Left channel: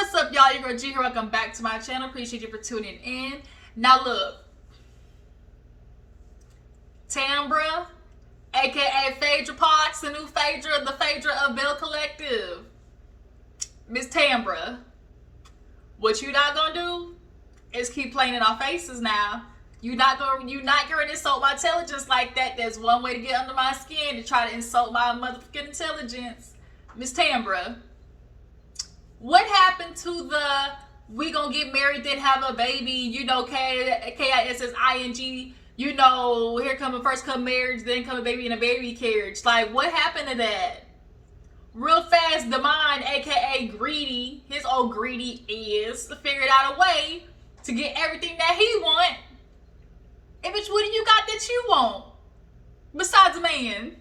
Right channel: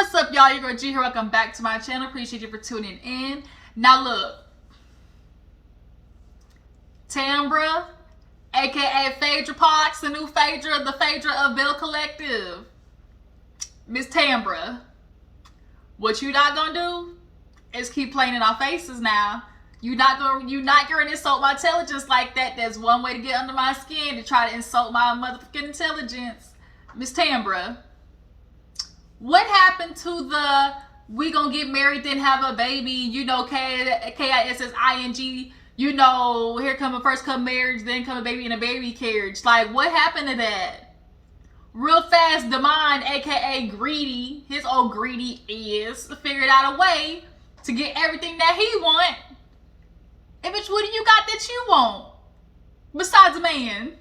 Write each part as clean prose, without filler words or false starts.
What's up, y'all? Your girl G here. Welcome back to my channel. Appreciate you for tuning in. Now look, Tambra, aka Phaedra Parks, the new Phaedra, the Phaedra of Belle Collective. Miss Tambra, what you not gonna do is keep playing in our faces now. You're not gonna insult my intelligence like that. There's one way to get under my skin, to try to insult my motherfucking intelligence. Miss Tambra, what happened to the we gonna get married then have a baby, you know, KISSING, you know, here come a first come marriage, then come a baby in a baby carriage. Like, what happened to that? Real fast, Damon, aka Greedy, his old greedy is, figured out a way to get everything that he want. And bitch, what do you got that you want? Besides a man.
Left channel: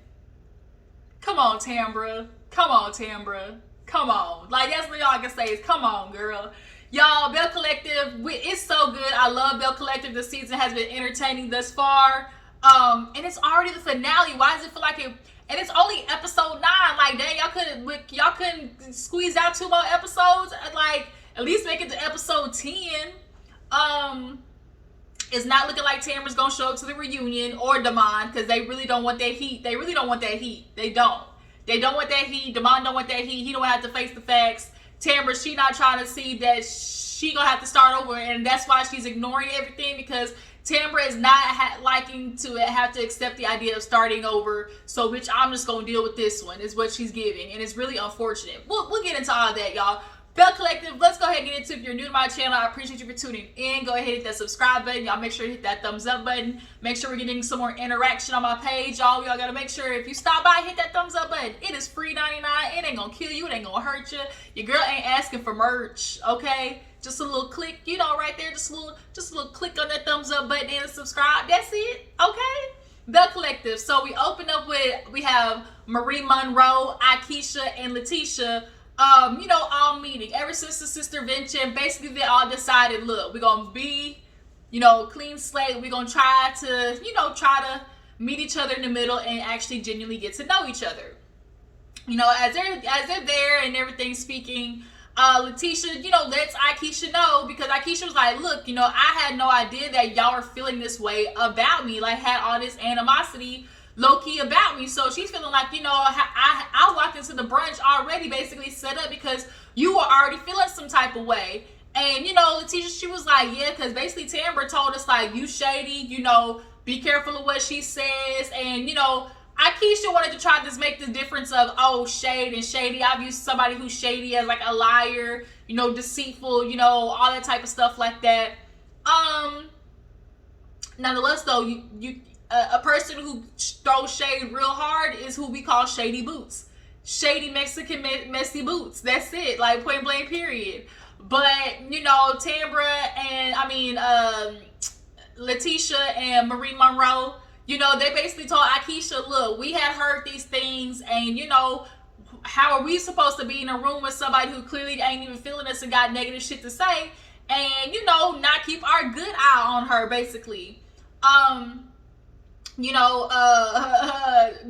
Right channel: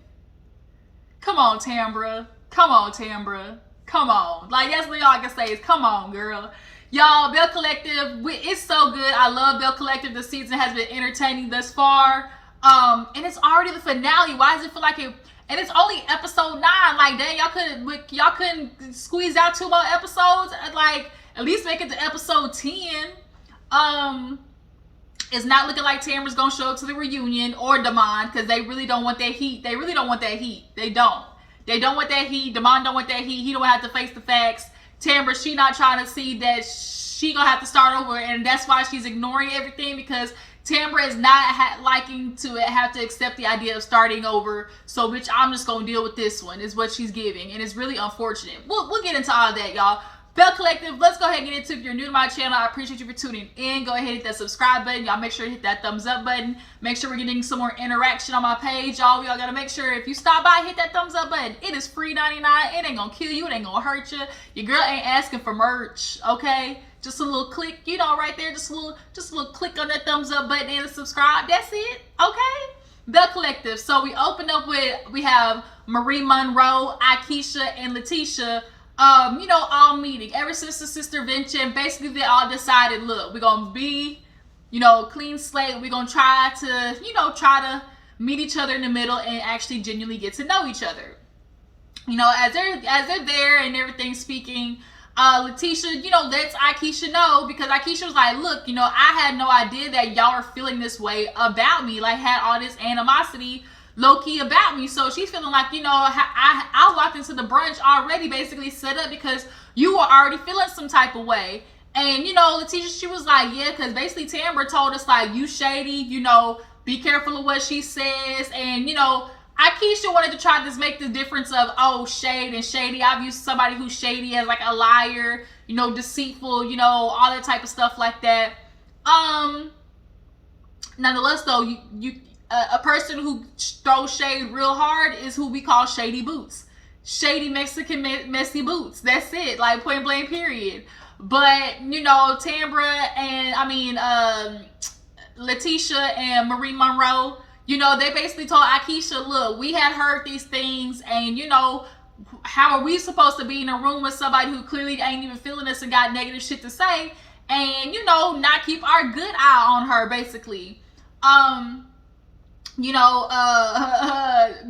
Come on, Tambra. Come on, Tambra. Come on. Like, that's what y'all can say is, come on, girl. Y'all, Belle Collective, it's so good. I love Belle Collective. The season has been entertaining thus far. And it's already the finale. Why does it feel like it? And it's only episode 9. Like, dang, y'all couldn't squeeze out 2 more episodes. Like, at least make it to episode 10. It's not looking like Tamra's gonna show up to the reunion or Damon, because they really don't want that heat. They really don't want that heat. They don't. They don't want that heat. Damon don't want that heat. He don't have to face the facts. Tambra, she not trying to see that she gonna have to start over, and that's why she's ignoring everything, because Tambra is not liking to have to accept the idea of starting over. So, bitch, I'm just gonna deal with this one, is what she's giving, and it's really unfortunate. We'll get into all that, y'all. Belle Collective, let's go ahead and get into it. If you're new to my channel, I appreciate you for tuning in. Go ahead and hit that subscribe button. Y'all make sure to hit that thumbs up button. Make sure we're getting some more interaction on my page, y'all. Y'all gotta make sure if you stop by, hit that thumbs up button. It is free 99. It ain't gonna kill you. It ain't gonna hurt you. Your girl ain't asking for merch, okay? Just a little click, you know, right there. Just a little click on that thumbs up button and subscribe. That's it, okay? Belle Collective. So we open up with, we have Marie Monroe, Akeisha, and Letitia. You know, all meeting ever since the sister venture. Basically, they all decided, look, we're gonna be, you know, clean slate. We're gonna try to meet each other in the middle and actually genuinely get to know each other. You know, as they're there and everything speaking, Letitia, you know, lets Akeisha know, because Akeisha was like, look, you know, I had no idea that y'all were feeling this way about me, like had all this animosity low-key about me. So she's feeling like, you know, I walked into the brunch already basically set up because you were already feeling some type of way. And, you know, Letitia, she was like, yeah, because basically Tambra told us, like, you shady, you know, be careful of what she says. And, you know, Akeisha wanted to try to make the difference of, oh, shade and shady. I've used somebody who's shady as like a liar, you know, deceitful, you know, all that type of stuff like that. Nonetheless, though, a person who throws shade real hard is who we call Shady Boots. Shady Mexican messy boots. That's it. Like, point blank, period. But, you know, Tambra and, Letitia and Marie Monroe, you know, they basically told Akeisha, look, we had heard these things, and, you know, how are we supposed to be in a room with somebody who clearly ain't even feeling us and got negative shit to say, and, you know, not keep our good eye on her, basically. You know,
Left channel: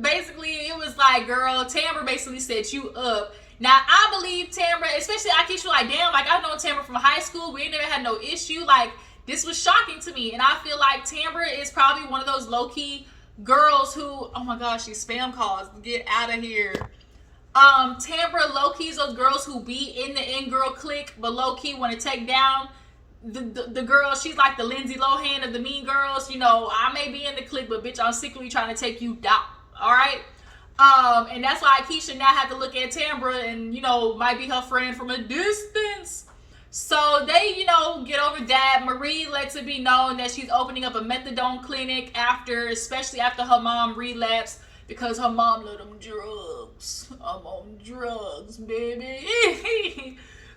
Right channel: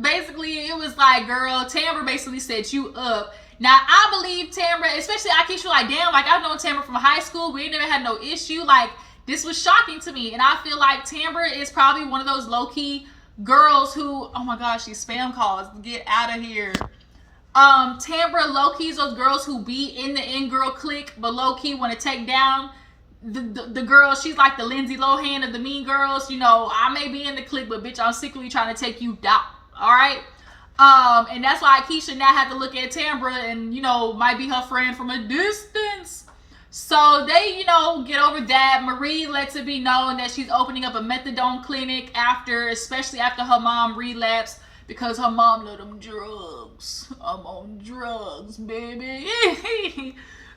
basically it was like, girl, Tambra basically set you up. Now, I believe Tambra, especially Akeisha, like, damn, like, I've known Tambra from high school. We never had no issue. Like, this was shocking to me. And I feel like Tambra is probably one of those low-key girls who, oh my gosh, these spam calls, get out of here. Tambra low-key is those girls who be in the in-girl clique, but low-key want to take down the girl. She's like the Lindsay Lohan of the Mean Girls. You know, I may be in the clique, but bitch, I'm secretly trying to take you down. All right. And that's why Akeisha now had to look at Tambra and, you know, might be her friend from a distance. So they, you know, get over that. Marie lets it be known that she's opening up a methadone clinic especially after her mom relapsed, because her mom let them drugs. I'm on drugs, baby.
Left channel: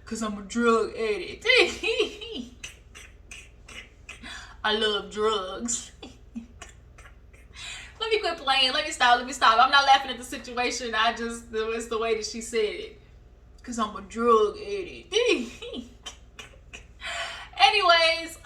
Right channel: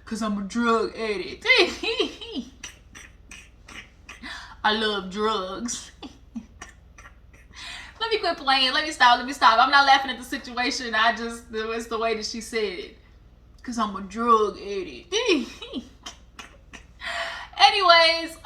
Because I'm a drug addict. I love drugs. Let me quit playing. Let me stop. I'm not laughing at the situation. It's the way that she said it. Because I'm a drug addict. Anyways,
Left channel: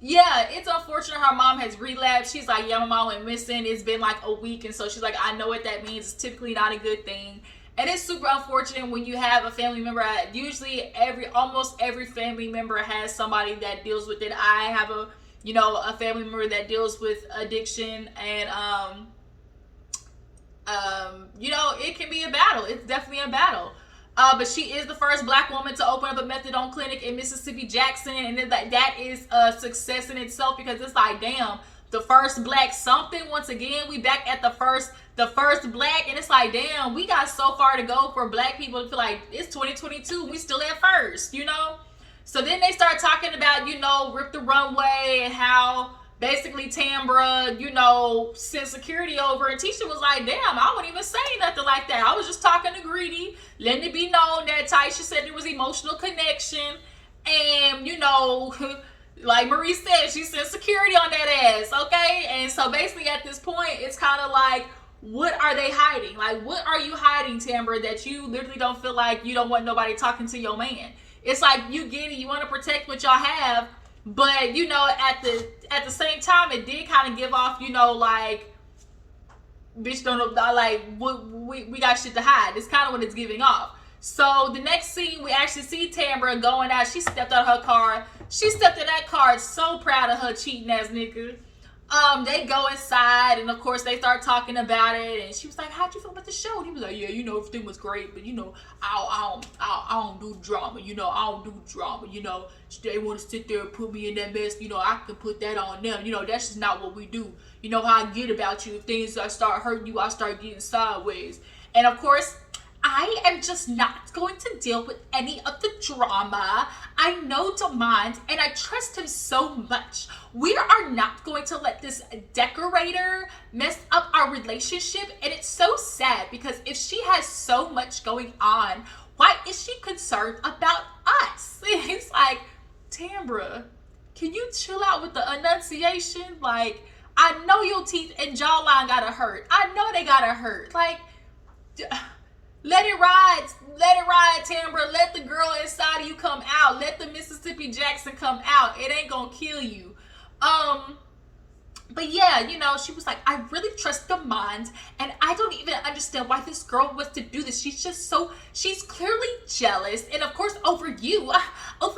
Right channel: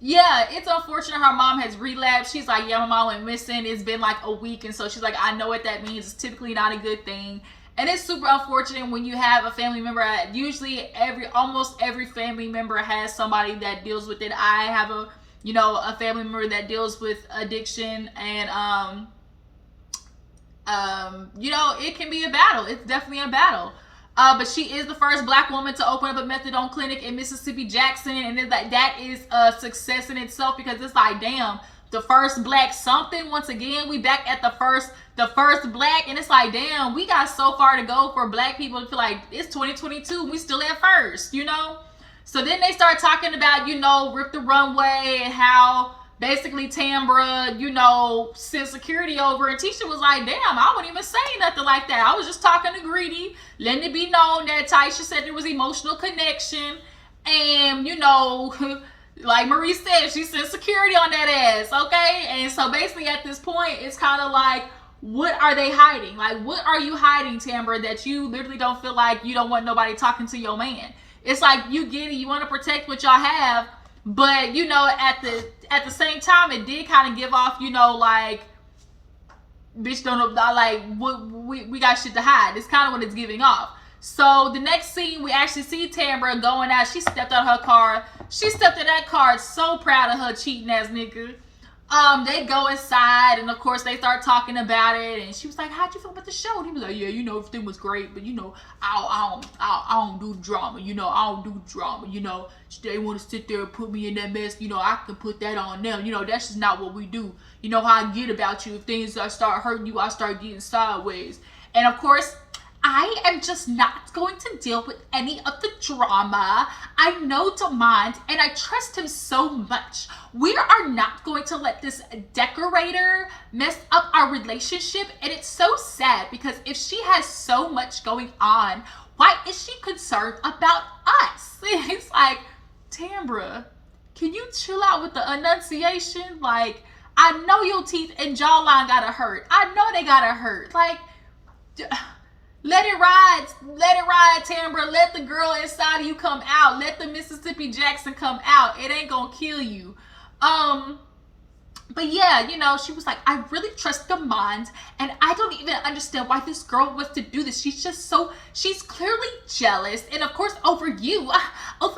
yeah, it's unfortunate her mom has relapsed. She's like, yeah, my mom went missing. It's been like a week. And so she's like, I know what that means. It's typically not a good thing. And it's super unfortunate when you have a family member. Usually almost every family member has somebody that deals with it. I have a family member that deals with addiction, and it can be a battle. It's definitely a battle. But she is the first black woman to open up a methadone clinic in Mississippi Jackson, and that is a success in itself, because it's like, damn, the first black something. Once again, we back at the first black, and it's like, damn, we got so far to go for black people to feel like it's 2022, we still at first, So then they start talking about, Rip the Runway, and how basically Tambra, sent security over, and Tisha was like, damn, I wouldn't even say nothing like that. I was just talking to Greedy, letting it be known that Tisha said there was emotional connection, and, like Marie said, she sent security on that ass, okay? And so basically at this point, it's kind of like, what are they hiding? Like, what are you hiding, Tambra, that you literally don't feel like you don't want nobody talking to your man? It's like, you get it, you want to protect what y'all have, but, at the same time, it did kind of give off, like, bitch, don't know, like, we got shit to hide. It's kind of what it's giving off. So the next scene, we actually see Tambra going out. She stepped out of her car. She stepped in that car, so proud of her cheating ass nigga. They go inside, and of course they start talking about it, and she was like, how'd you feel about the show? And he was like, yeah, everything was great, but I don't do drama, I don't do drama, they want to sit there and put me in that mess, I can put that on them, that's just not what we do. You know how I get about you. If things start hurting you, I start getting sideways. And of course, I am just not going to deal with any of the drama. I know Demond, and I trust him so much. We are not going to let this decorator mess up our relationship. And it's so sad, because if she has so much going on, why is she concerned about us? It's like, Tambra, can you chill out with the enunciation? Like, I know your teeth and jawline gotta hurt. I know they gotta hurt. Like, let it ride, Tambra. Let the girl inside of you come out. Let the Mississippi Jackson come out. It ain't gonna kill you. But yeah, she was like, I really trust Demond, and I don't even understand why this girl wants to do this. She's clearly jealous, and of course over you, of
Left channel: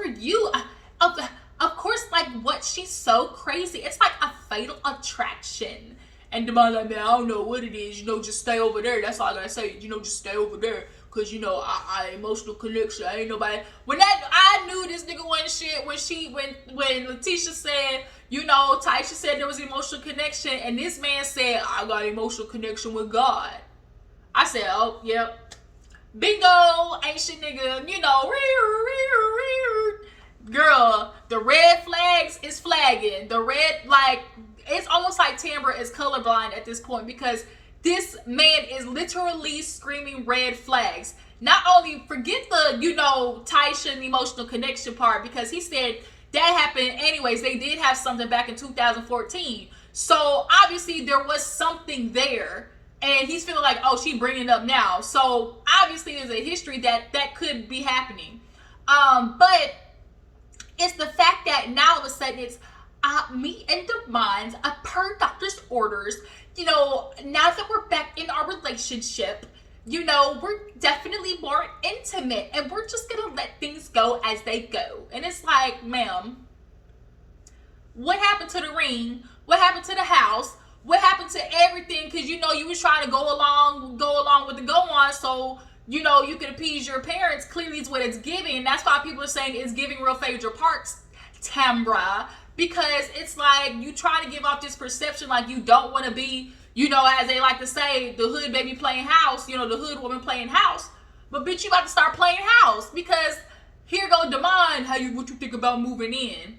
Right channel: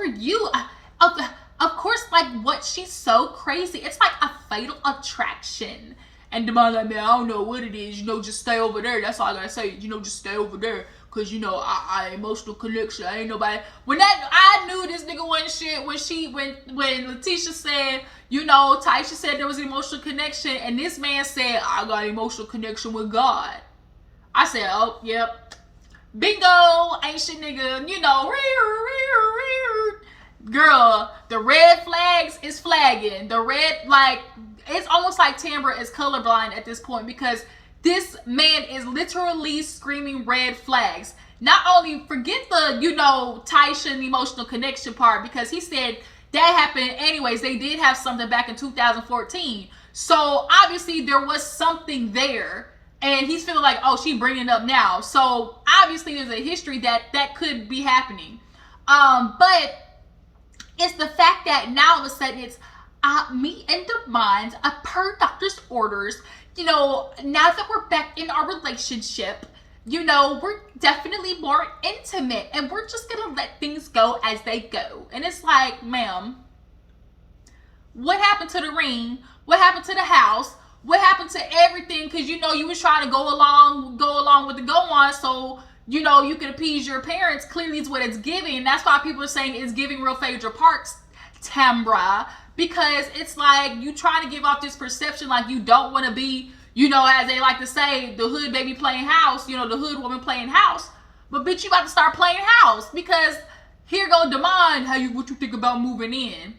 course, like, what, she's so crazy. It's like a fatal attraction. And Demond like, man, I don't know what it is, just stay over there. That's all I gotta say, just stay over there. Cause I emotional connection. I ain't nobody. I knew this nigga wasn't shit when Latriece said, Tisha said there was an emotional connection, and this man said, I got an emotional connection with God. I said, oh, yep. Bingo, ancient nigga, girl, the red flags is flagging. The red, like, it's almost like Tambra is colorblind at this point, because this man is literally screaming red flags. Not only, forget the, Tisha and emotional connection part, because he said that happened anyways. They did have something back in 2014. So obviously there was something there, and he's feeling like, oh, she bringing it up now. So obviously there's a history that could be happening. But it's the fact that now all of a sudden it's me and Demond, per doctor's orders, now that we're back in our relationship, we're definitely more intimate, and we're just gonna let things go as they go. And it's like, ma'am, what happened to the ring? What happened to the house? What happened to everything? Because you was trying to go along with the go on, so you could appease your parents. Clearly it's what it's giving, and that's why people are saying it's giving real Phaedra Parks, Tambra, because it's like you trying to give off this perception like you don't want to be, as they like to say, the hood baby playing house, the hood woman playing house. But bitch, you about to start playing house, because here go Demond, what you think about moving in?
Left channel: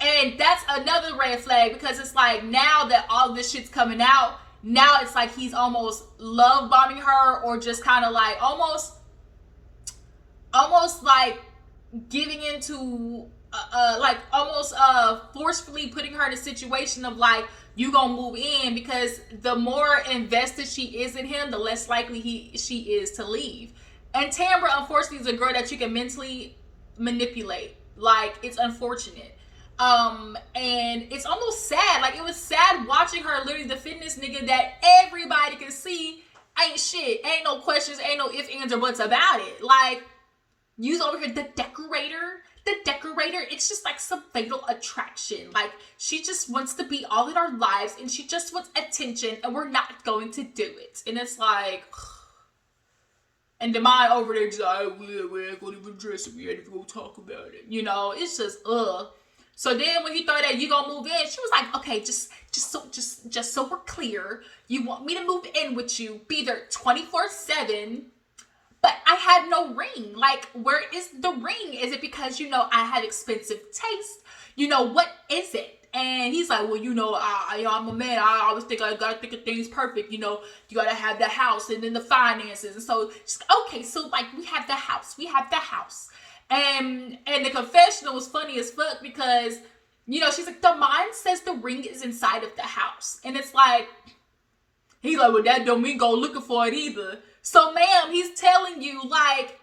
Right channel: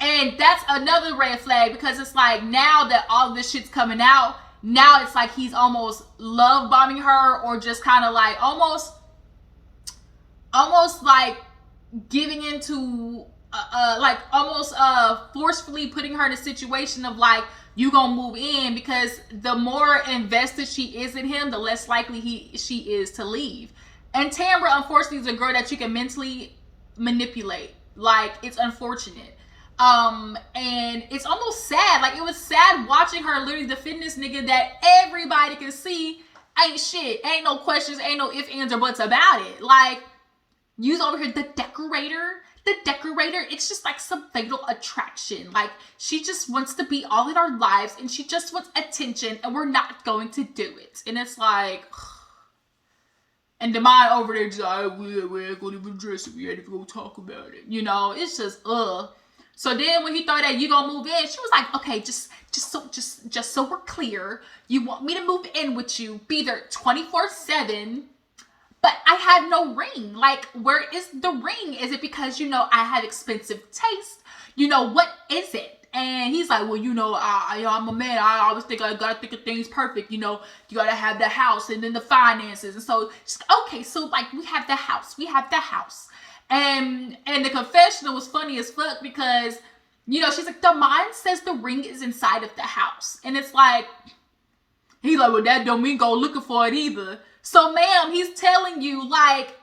And that's another red flag, because it's like, now that all this shit's coming out, now it's like he's almost love bombing her, or just kind of like almost like giving into like almost forcefully putting her in a situation of like, you gonna move in, because the more invested she is in him, the less likely she is to leave. And Tambra, unfortunately, is a girl that you can mentally manipulate. Like, it's unfortunate. And it's almost sad. Like, it was sad watching her literally defend this nigga that everybody can see ain't shit. Ain't no questions, ain't no ifs, ands, or buts about it. Like, you's over here, the decorator, it's just like some fatal attraction. Like, she just wants to be all in our lives, and she just wants attention, and we're not going to do it. And it's like, and Demond over there just like, we ain't gonna even address it, we ain't even gonna talk about it. You know, it's just, So then when he thought that you gonna move in, she was like, okay, just so we're clear, you want me to move in with you, be there 24/7, but I have no ring. Like, where is the ring? Is it because, you know, I have expensive taste? You know, what is it? And he's like, well, you know, I'm a man. I always think I gotta think of things perfect. You know, you gotta have the house and then the finances. And so, okay, so like we have the house. And the confessional was funny as fuck because, you know, she's like, the mind says the ring is inside of the house. And it's like, he's like, well, that don't mean go looking for it either. So, ma'am, he's telling you, like,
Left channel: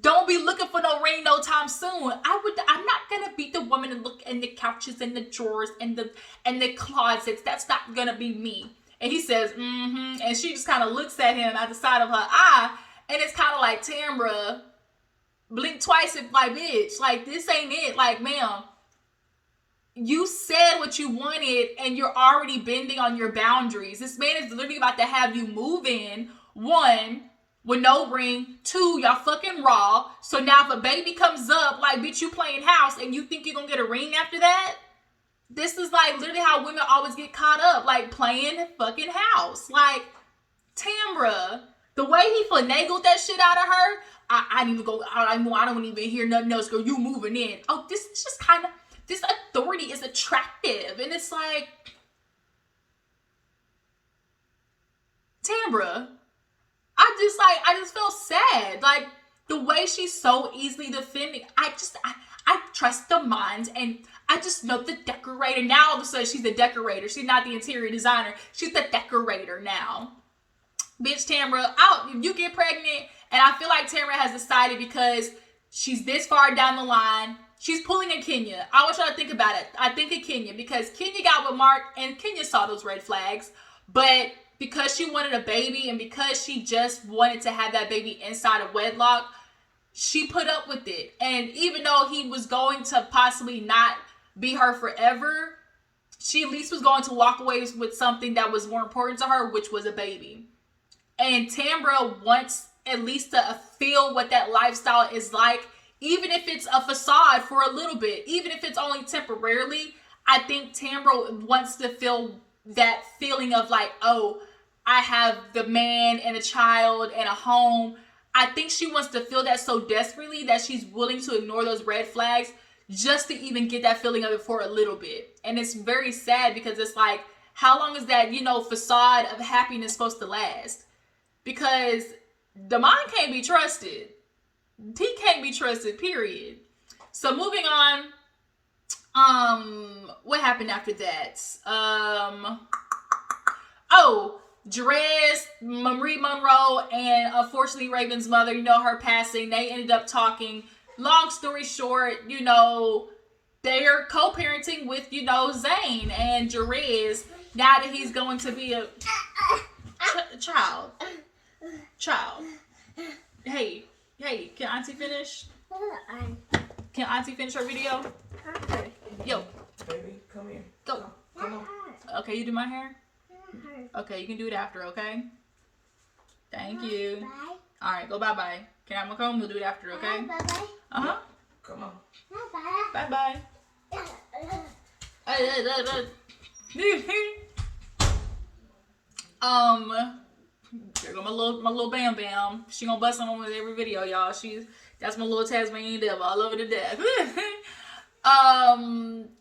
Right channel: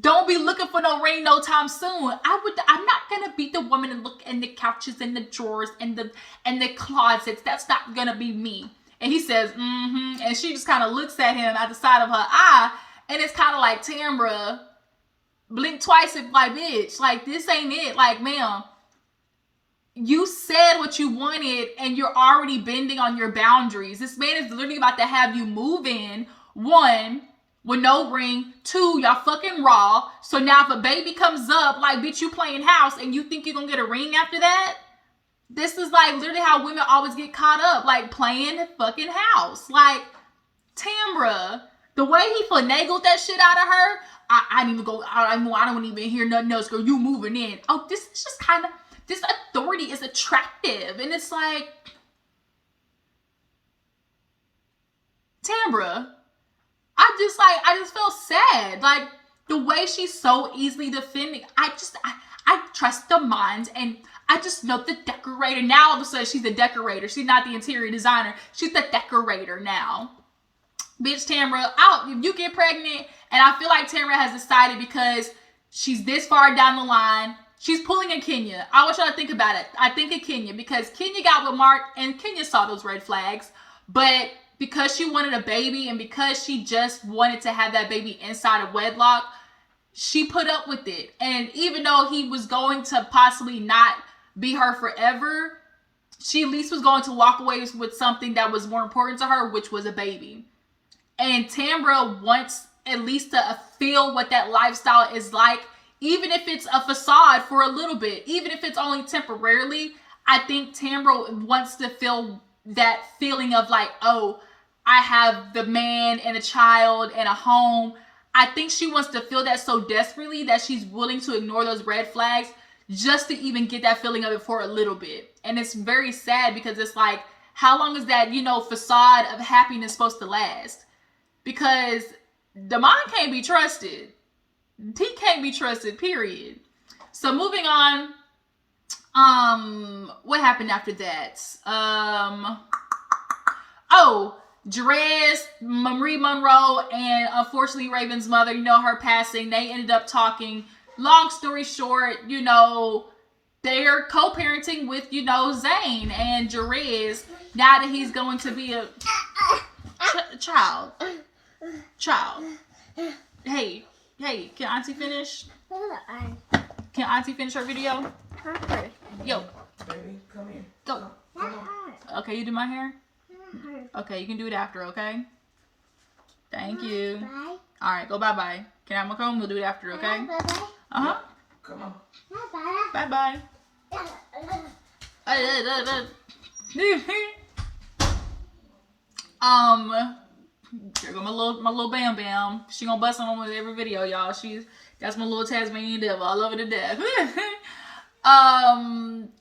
don't be looking for no ring no time soon. I'm not gonna be the woman and look in the couches and the drawers and the closets. That's not gonna be me. And he says, and she just kind of looks at him at the side of her eye, and it's kind of like, Tambra, blink twice if like, bitch, like, this ain't it. Like, ma'am, you said what you wanted, and you're already bending on your boundaries. This man is literally about to have you move in, 1, with no ring, 2, y'all fucking raw. So now if a baby comes up, like, bitch, you playing house and you think you're gonna get a ring after that? This is like literally how women always get caught up, like playing fucking house. Like, Tambra, the way he finagled that shit out of her, I didn't even go, I don't even hear nothing else. Girl, you moving in. Oh, this is just kind of, this authority is attractive. And it's like, Tambra, I just felt sad. Like, the way she's so easily defending, I trust the minds, and I just know the decorator. Now all of a sudden she's the decorator. She's not the interior designer. She's the decorator now. Bitch, Tambra, if you get pregnant, and I feel like Tambra has decided because she's this far down the line, she's pulling a Kenya. I want y'all to think about it. I think of Kenya because Kenya got with Mark, and Kenya saw those red flags, but because she wanted a baby and because she just wanted to have that baby inside of wedlock, she put up with it. And even though he was going to possibly not be her forever, she at least was going to walk away with something that was more important to her, which was a baby. And Tambra wants at least to feel what that lifestyle is like, even if it's a facade for a little bit, even if it's only temporarily. I think Tambra wants to feel that feeling of like, oh, I have the man and a child and a home. I think she wants to feel that so desperately that she's willing to ignore those red flags just to even get that feeling of it for a little bit. And it's very sad because it's like, how long is that, you know, facade of happiness supposed to last? Because the mind can't be trusted. He can't be trusted, period. So moving on, what happened after that? Jerez, Marie Monroe, and unfortunately Raven's mother, you know, her passing, they ended up talking. Long story short, you know, they're co-parenting with, you know, Zane and Jerez, now that he's going to be a child. Hey, can Auntie finish? Can Auntie finish her video? Yo. Baby, come here. Go. Come on. Okay, you do my hair? Okay, you can do it after, okay? Thank you. Bye. All right, go bye-bye. Can I have my comb? We'll do it after, okay? Bye-bye. Uh-huh. Come on. Bye-bye. Bye-bye. There go my little Bam Bam. She gonna bust on with every video, y'all. That's my little Tasmanian devil. I love her to death.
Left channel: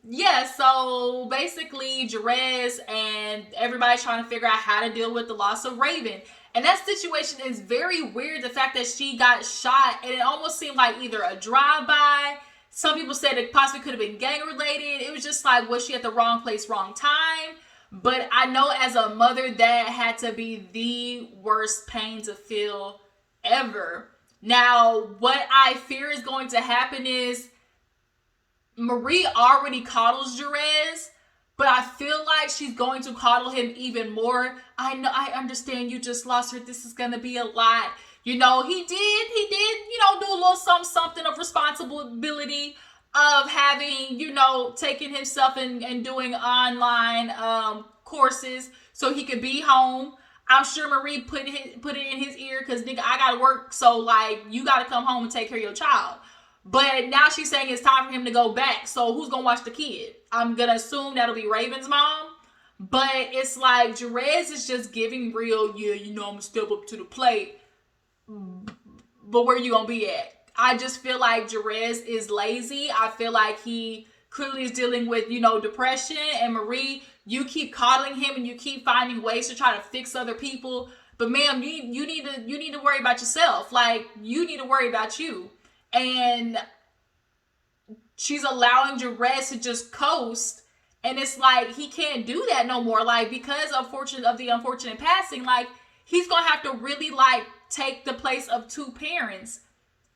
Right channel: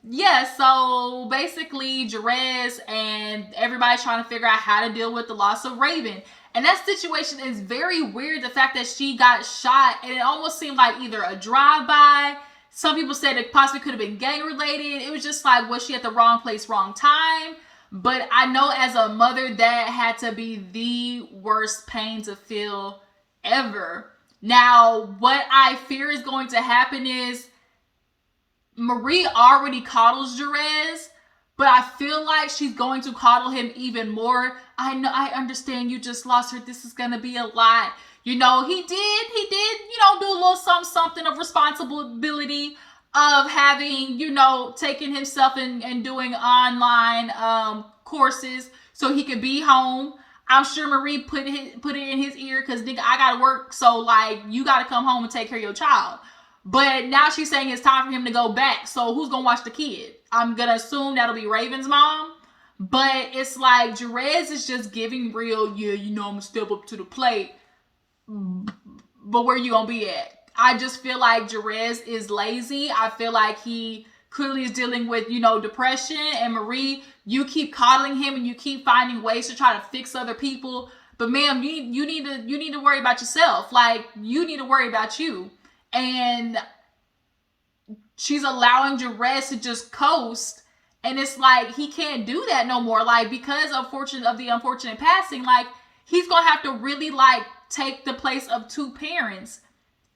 Yeah, so basically Jerez and everybody's trying to figure out how to deal with the loss of Raven. And that situation is very weird. The fact that she got shot, and it almost seemed like either a drive-by. Some people said it possibly could have been gang-related. It was just like, was she at the wrong place, wrong time? But I know as a mother, that had to be the worst pain to feel ever. Now, what I fear is going to happen is Marie already coddles Jerez, but I feel like she's going to coddle him even more. I know, I understand you just lost her. This is going to be a lot. You know, he did, you know, do a little something of responsibility of having, you know, taking himself and doing online courses so he could be home. I'm sure Marie put it in his ear because, nigga, I got to work. So, like, you got to come home and take care of your child. But now she's saying it's time for him to go back. So who's going to watch the kid? I'm going to assume that'll be Raven's mom. But it's like Jerez is just giving real, yeah, you know, I'm going to step up to the plate. But where you going to be at? I just feel like Jerez is lazy. I feel like he clearly is dealing with, you know, depression. And Marie, you keep coddling him and you keep finding ways to try to fix other people. But ma'am, you need to worry about yourself. Like, you need to worry about you. And she's allowing Jerez to just coast, and it's like he can't do that no more. Like, because of the unfortunate passing, like, he's gonna have to really like take the place of two parents,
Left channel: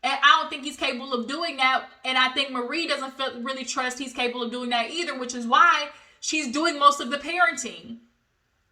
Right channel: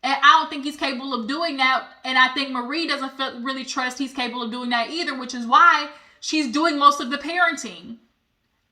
and I don't think he's capable of doing that. And I think Marie doesn't really trust he's capable of doing that either, which is why she's doing most of the parenting.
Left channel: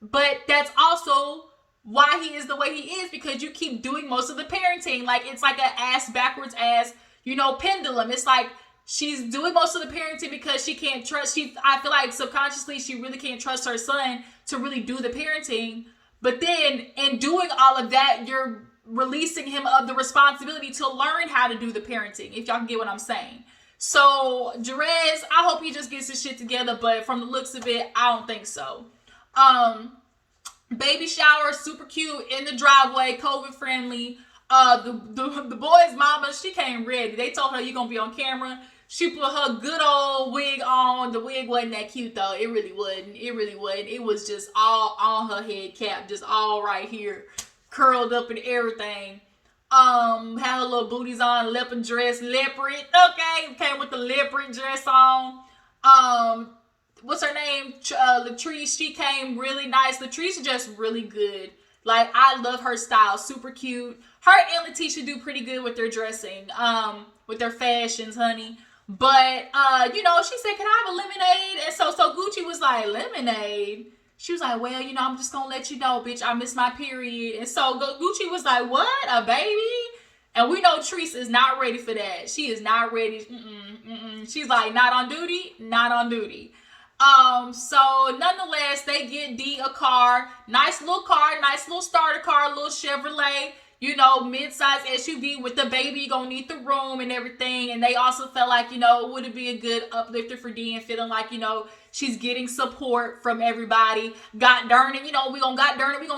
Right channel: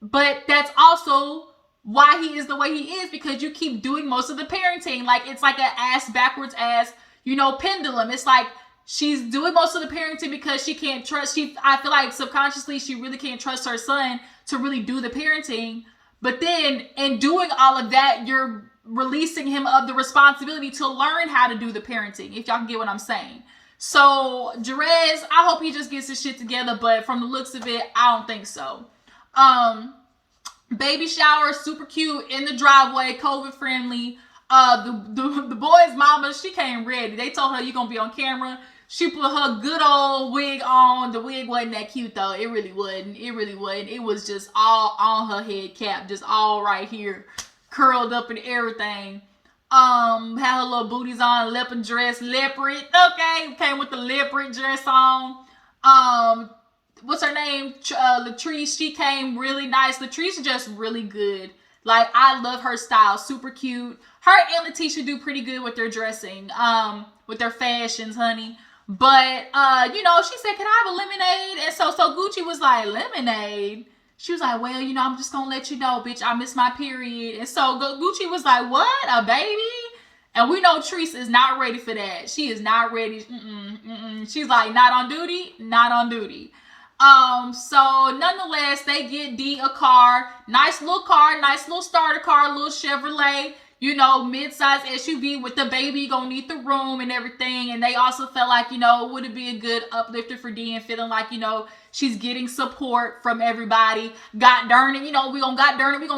But that's also why he is the way he is, because you keep doing most of the parenting. Like, it's like an ass backwards ass, you know, pendulum. It's like she's doing most of the parenting because she can't trust. I feel like subconsciously she really can't trust her son to really do the parenting. But then in doing all of that, you're releasing him of the responsibility to learn how to do the parenting, if y'all can get what I'm saying. So Jerez, I hope he just gets his shit together, but from the looks of it, I don't think so. Baby shower, super cute, in the driveway, COVID friendly. The boy's mama, she came ready. They told her you're gonna be on camera. She put her good old wig on. The wig wasn't that cute though. It really wasn't. It was just all on her head cap, just all right here, curled up and everything. Had her little booties on, leopard dress, leopard. Okay, came with the leopard dress on. What's her name? Latriece. She came really nice. Latriece is just really good. Like, I love her style. Super cute. Her and Latisha do pretty good with their dressing, with their fashions, honey. But, you know, she said, can I have a lemonade? And so Gucci was like, lemonade? She was like, well, you know, I'm just going to let you know, bitch, I missed my period. And so Gucci was like, what? A baby? And we know Treese is not ready for that. She is not ready. She's like, not on duty? Not on duty. So nonetheless, they get D a car, nice little starter car, little Chevrolet, you know, mid-size SUV with the baby, gonna need the room and everything. And they also felt like, you know, would it be a good uplifter for D and feeling like, you know, she's getting support from everybody. God darn it, you know, we gonna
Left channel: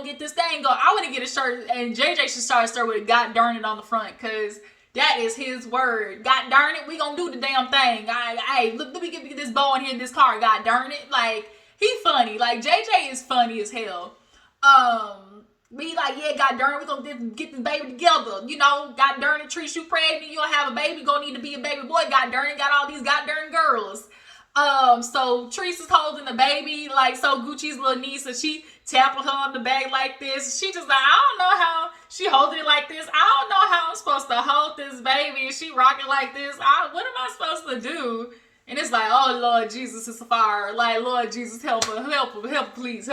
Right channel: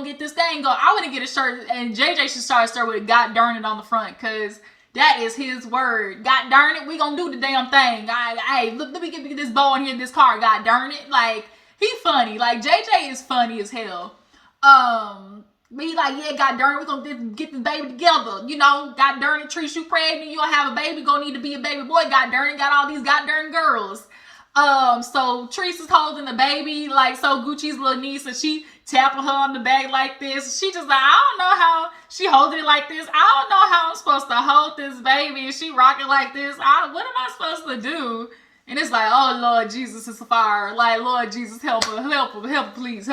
get this thing going. I want to get a shirt, and JJ should start with God darn it on the front, because that is his word. God darn it, we gonna do the damn thing. Hey, look, let me get this bow in here in this car. God darn it. Like, he funny. Like, JJ is funny as hell. But he like, yeah, God darn it, we gonna get this baby together. You know, God darn it, Treese, you pregnant, you gonna have a baby, gonna need to be a baby boy. God darn it, got all these god darn girls. So Treese is holding the baby, like, so Gucci's little niece, and she tapping her on the back like this. She just like, I don't know how she holding it like this. I don't know how I'm supposed to hold this baby. And she rocking like this. What am I supposed to do? And it's like, oh, Lord Jesus, it's a fire. Like, Lord Jesus, help her, please.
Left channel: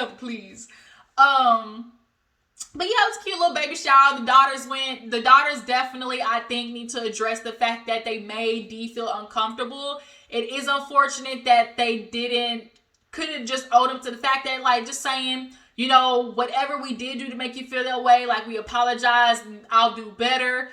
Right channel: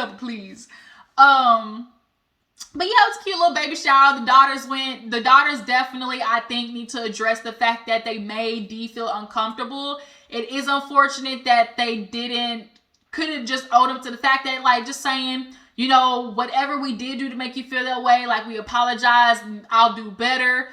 But yeah, it was a cute little baby shower. The daughters definitely, I think, need to address the fact that they made D feel uncomfortable. It is unfortunate that they couldn't just owe them to the fact that, like, just saying, you know, whatever we did do to make you feel that way, like, we apologize, I'll do better.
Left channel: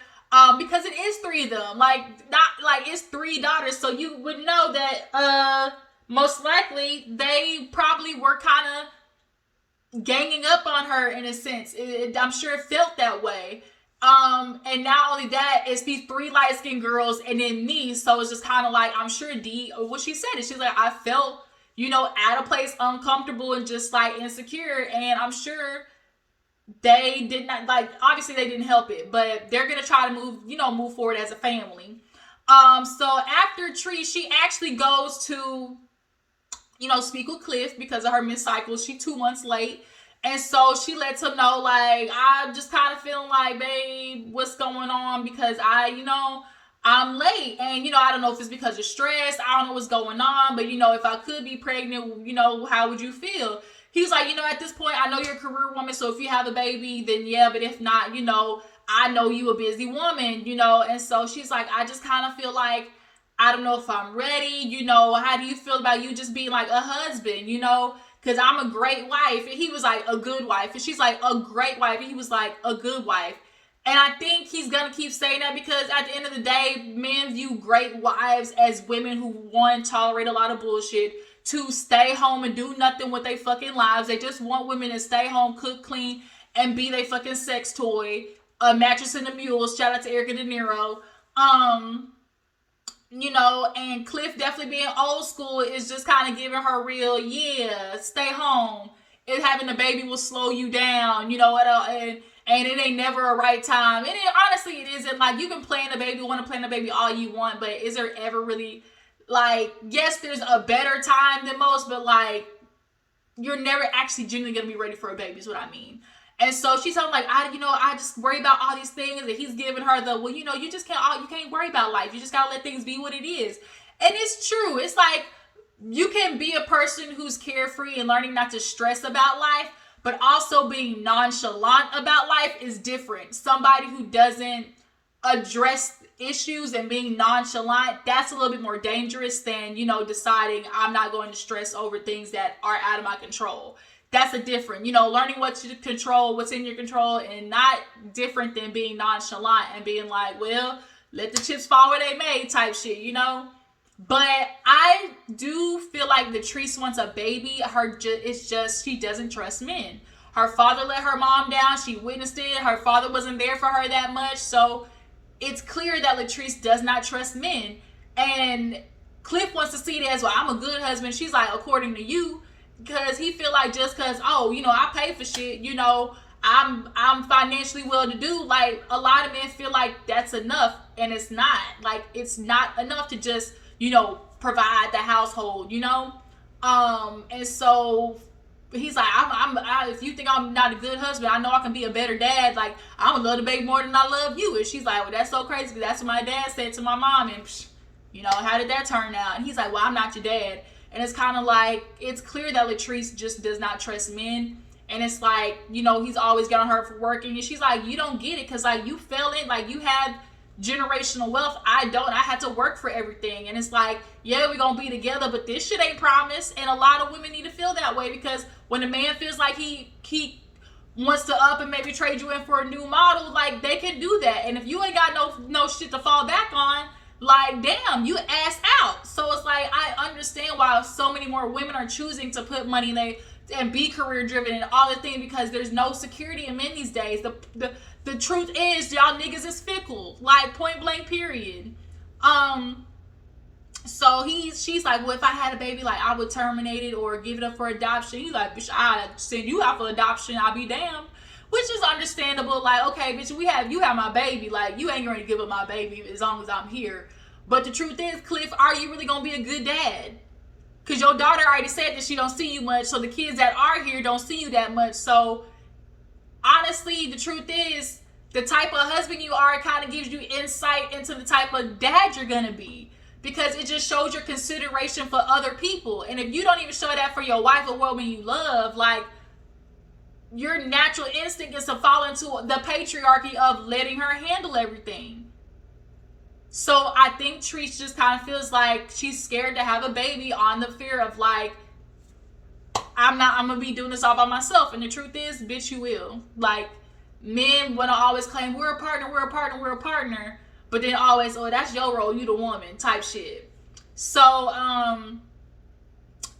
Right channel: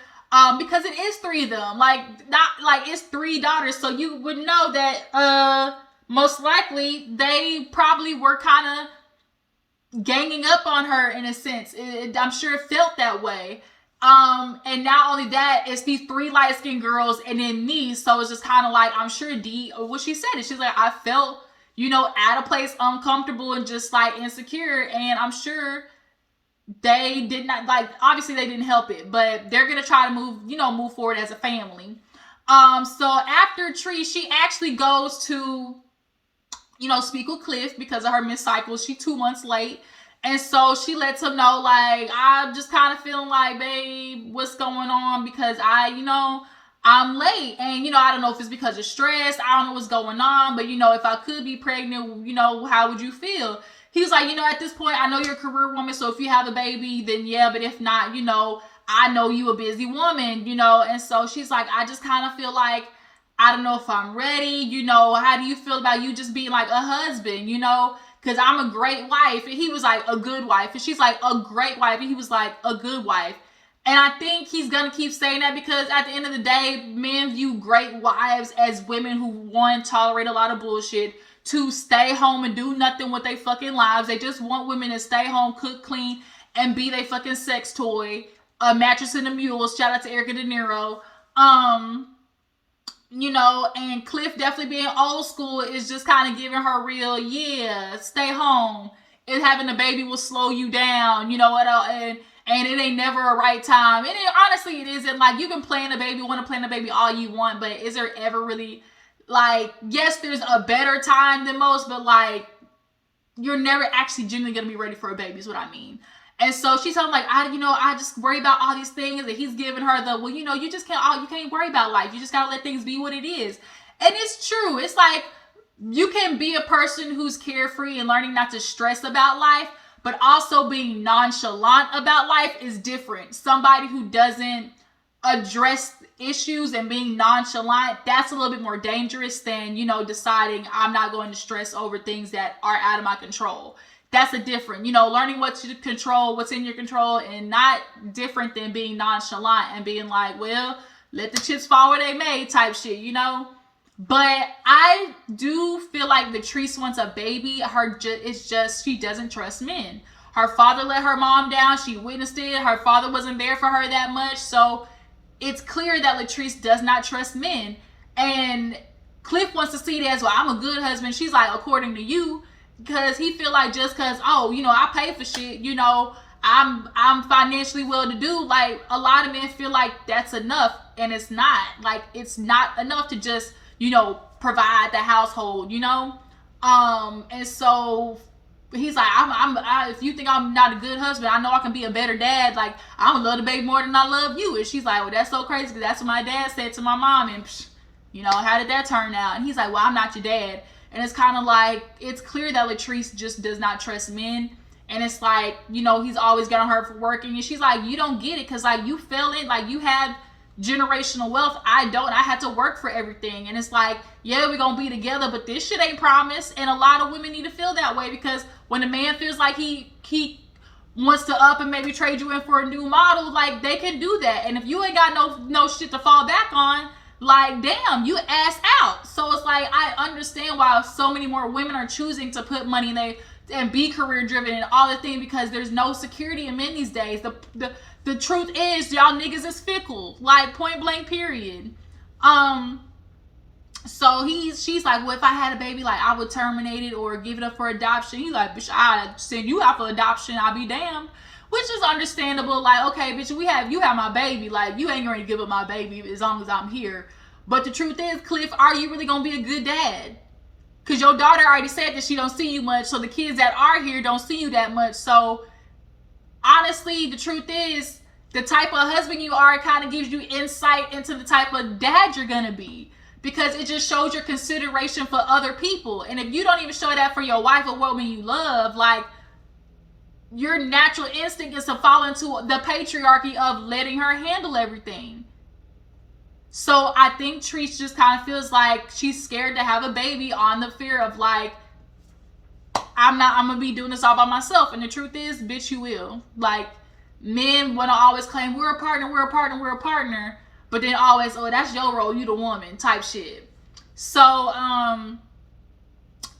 Because it is 3 of them. Like, not like it's 3 daughters, so you would know that most likely they probably were kind of ganging up on her in a sense. I'm sure it felt that way. And not only that, it's these 3 light-skinned girls and then me, so it's just kind of like, I'm sure D, what she said is, she's like, I felt, you know, at a place uncomfortable and just like insecure, and I'm sure they did not, like, obviously they didn't help it, but they're gonna try to move forward as a family. So after Treese, she actually goes to, you know, speak with Cliff because of her missed cycle. She's 2 months late. And so she lets him know, like, I'm just kind of feeling like, babe, what's going on? Because I I'm late. And, you know, I don't know if it's because of stress. I don't know what's going on. But, you know, if I could be pregnant, you know, how would you feel? He was like, you know, at this point, I know you're a career woman. So if you have a baby, then yeah. But if not, you know, I know you a busy woman, you know. And so she's like, I just kind of feel like, I don't know if I'm ready. You know, how do you feel about you just being like a husband, you know? Because I'm a great wife. And he was like, a good wife. And she's like, a great wife. And he was like, a good wife. And I think he's going to keep saying that because at the end of the day, men view great wives as women who, one, tolerate a lot of bullshit, two, stay home and do nothing with their fucking lives. They just want women to stay home, cook, clean, and be their fucking sex toy. A mattress and a mule. Shout out to Erica De Niro. You know, and Cliff definitely being old school is just kind of giving her real, yeah, stay home. And having a baby will slow you down, you know, and it ain't never a right time. And honestly, it isn't. Like, you can plan a baby, want to plan a baby all you want, but is there ever really, like, yes, there's a better time than most, but, like, you're never actually genuinely going to be ready for a baby is what I mean. And so she's telling like, I just worry about all these things. And he's giving her the, well, you know, you can't worry about life. You just got to let things be what it is. And it's true. It's like, you can be a person who's carefree and learning not to stress about life, but also being nonchalant about life is different. Somebody who doesn't address issues and being nonchalant, that's a little bit more dangerous than, you know, deciding I'm not going to stress over things that are out of my control. That's a different, you know, learning what you control, what's in your control, and not different than being nonchalant and being like, well, let the chips fall where they may type shit, you know? But I do feel like Latriece wants a baby. It's just, she doesn't trust men. Her father let her mom down. She witnessed it. Her father wasn't there for her that much. So it's clear that Latriece does not trust men. And Cliff wants to see that as well. I'm a good husband. She's like, according to you. Because he feel like just because, oh, you know, I pay for shit, you know, I'm financially well to do. Like, a lot of men feel like that's enough, and it's not. Like, it's not enough to just, you know, provide the household, you know. And so he's like, if you think I'm not a good husband, I know I can be a better dad. Like, I'm gonna love the baby more than I love you. And she's like, well, that's so crazy because that's what my dad said to my mom, and you know, how did that turn out? And he's like, well, I'm not your dad. And it's kind of like, it's clear that Latriece just does not trust men. And it's like, you know, he's always got on her for working. And she's like, you don't get it. Because, like, you fell in, like, you have generational wealth. I don't. I had to work for everything. And it's like, yeah, we're going to be together. But this shit ain't promised. And a lot of women need to feel that way. Because when a man feels like he wants to up and maybe trade you in for a new model, like, they can do that. And if you ain't got no shit to fall back on, like, damn, you ass out. So it's like, I understand why so many more women are choosing to put money in and be career driven and all the things, because there's no security in men these days. The truth is, y'all niggas is fickle, like, point blank period. So she's like, well, if I had a baby, like, I would terminate it or give it up for adoption. He's like, bitch, I send you out for adoption, I'll be damned. Which is understandable. Like, okay, bitch, you have my baby. Like, you ain't going to give up my baby as long as I'm here. But the truth is, Cliff, are you really going to be a good dad? Because your daughter already said that she don't see you much. So the kids that are here don't see you that much. So, honestly, the truth is, the type of husband you are kind of gives you insight into the type of dad you're going to be. Because it just shows your consideration for other people. And if you don't even show that for your wife or woman you love, like, your natural instinct is to fall into the patriarchy of letting her handle everything. So I think Latriece just kind of feels like she's scared to have a baby on the fear of, like, I'm going to be doing this all by myself. And the truth is, bitch, you will. Like, men want to always claim, we're a partner. But then always, oh, that's your role, you the woman type shit. So,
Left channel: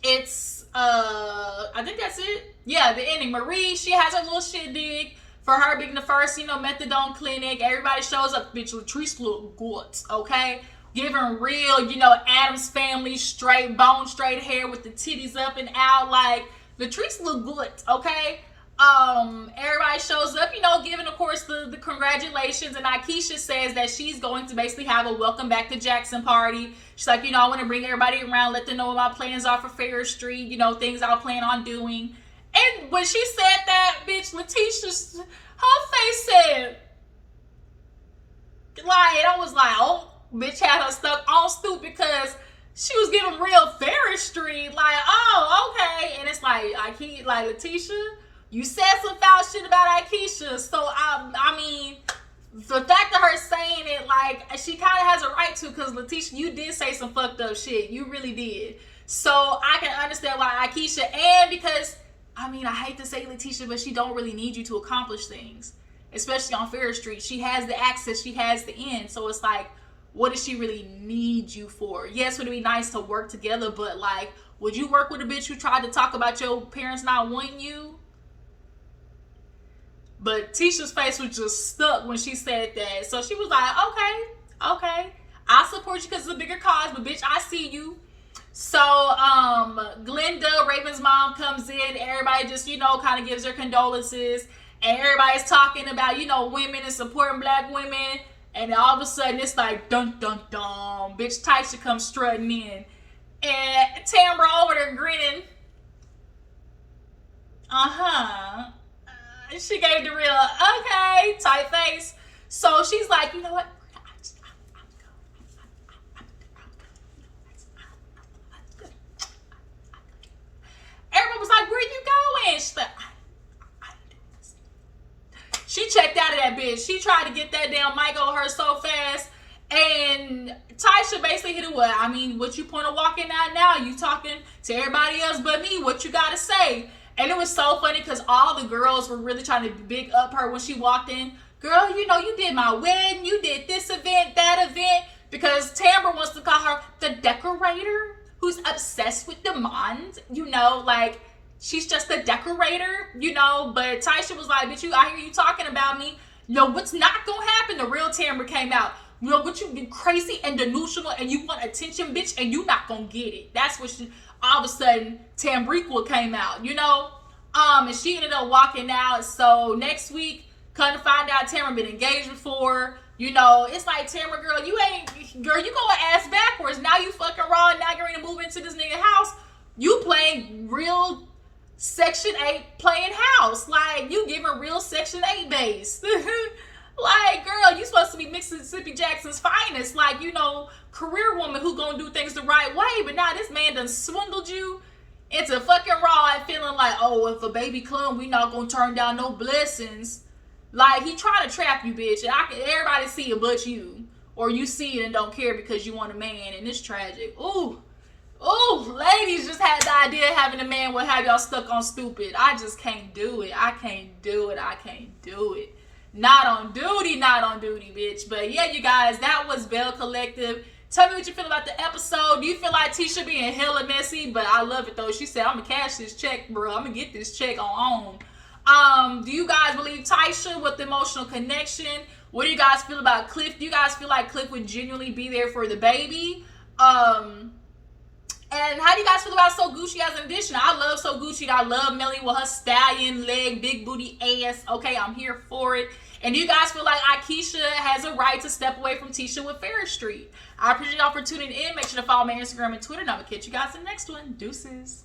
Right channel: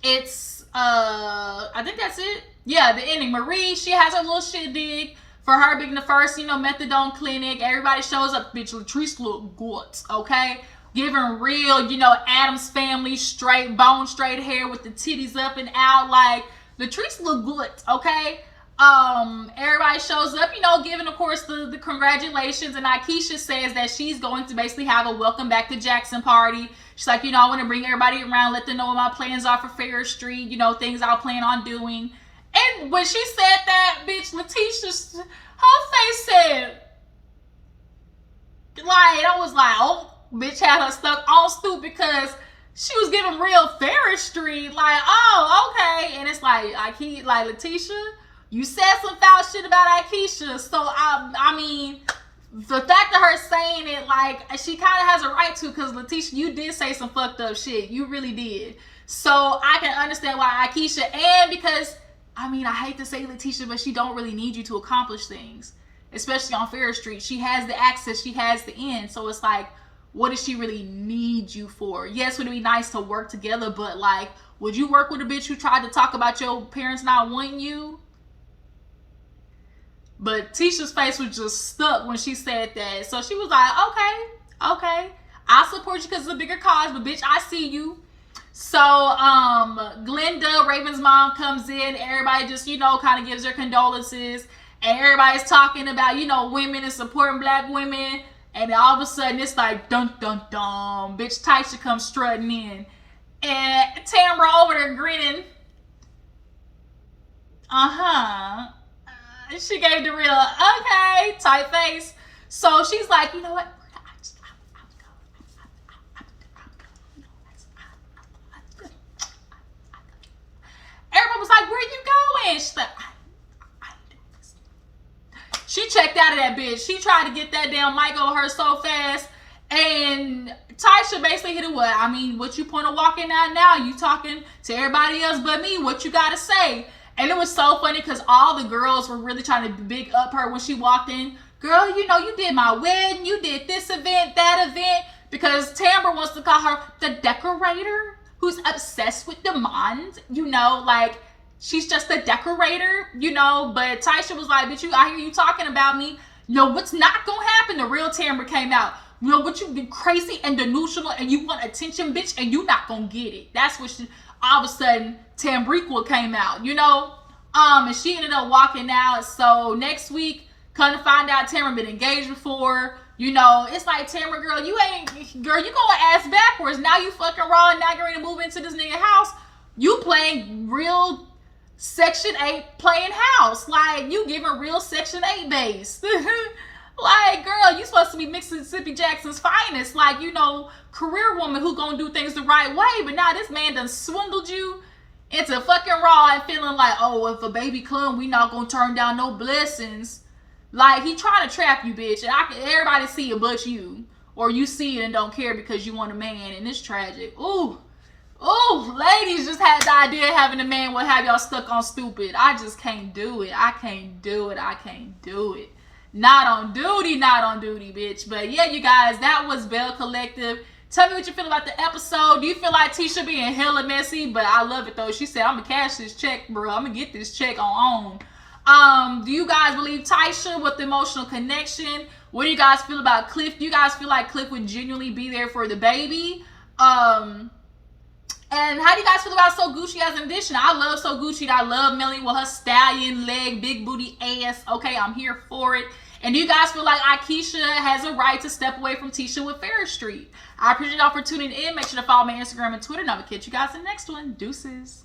it's, I think that's it. Yeah, the ending. Marie, she has her little shit dig for her being the first, you know, methadone clinic. Everybody shows up. Bitch, Latriece look good, okay? Giving real, you know, Addams Family straight, bone straight hair with the titties up and out. Like, Latriece look good, okay? Everybody shows up, you know, giving, of course, the congratulations. And Akeisha says that she's going to basically have a welcome back to Jackson party. She's like, you know, I want to bring everybody around, let them know what my plans are for Fair Street, you know, things I'll plan on doing. And when she said that, bitch, Letitia, her face said, like, I was like, oh, bitch had her stuck on stoop because she was giving real Ferris Street. Like, oh, okay. And it's like Latisha, you said some foul shit about Akeisha. So, I mean, the fact of her saying it, like, she kind of has a right to, because Latisha, you did say some fucked up shit. You really did. So, I can understand why Akeisha, and because, I mean, I hate to say Latisha, but she don't really need you to accomplish things. Especially on Ferris Street. She has the access, she has the end. So, it's like, what does she really need you for? Yes, would it be nice to work together, but, like, would you work with a bitch who tried to talk about your parents not wanting you? But Tisha's face was just stuck when she said that. So she was like, okay, I support you because it's a bigger cause, but bitch, I see you. So, Glenda, Raven's mom, comes in. Everybody just, kind of gives their condolences. And everybody's talking about, women and supporting black women. And all of a sudden, it's like, dun, dun, dun. Bitch, Tisha comes strutting in. And Tambra over there grinning. She gave the real, okay, tight face. So she's like, you know what? Everyone was like, where are you going? She's like, I ain't doing this. She checked out of that bitch. She tried to get that damn mic on her so fast. And Tisha basically hit it with, I mean, what you point of walking out now? You talking to everybody else but me. What you got to say? And it was so funny because all the girls were really trying to big up her when she walked in. Girl, you did my wedding. You did this event, that event. Because Tambra wants to call her the decorator who's obsessed with demand. Like, she's just a decorator, But Tisha was like, bitch, I hear you talking about me. What's not going to happen? The real Tambra came out. What you do crazy and delusional and you want attention, bitch, and you not going to get it. That's what all of a sudden, Tambriqua came out, and she ended up walking out. So next week, come to find out, Tambra been engaged before. It's like, Tambra, girl, you going ass backwards. Now you fucking raw, and now you're ready to move into this nigga house. You playing real Section 8 playing house. Like, you giving real Section 8 base. Like, girl, you supposed to be Mississippi Jackson's finest. Like, career woman who gonna do things the right way. But now this man done swindled you into fucking raw and feeling like, oh, if a baby come, we not gonna turn down no blessings. Like, he trying to trap you, bitch. And everybody see it but you. Or you see it and don't care because you want a man. And it's tragic. Ooh, ladies just had the idea of having a man will have y'all stuck on stupid. I just can't do it. I can't do it. Not on duty, bitch. But yeah, you guys, that was Belle Collective. Tell me what you feel about the episode. Do you feel like Tisha being hella messy? But I love it though. She said, I'm gonna cash this check, bro. I'm gonna get this check on. Do you guys believe Tisha with the emotional connection? What do you guys feel about Cliff? Do you guys feel like Cliff would genuinely be there for the baby? And how do you guys feel about So Gucci as an addition? I love So Gucci. I love Melanie with her stallion leg, big booty ass. Okay, I'm here for it. And do you guys feel like Akeisha has a right to step away from Tisha with Ferris Street? I appreciate y'all for tuning in. Make sure to follow my Instagram and Twitter. And I'm going to catch you guys in the next one. Deuces.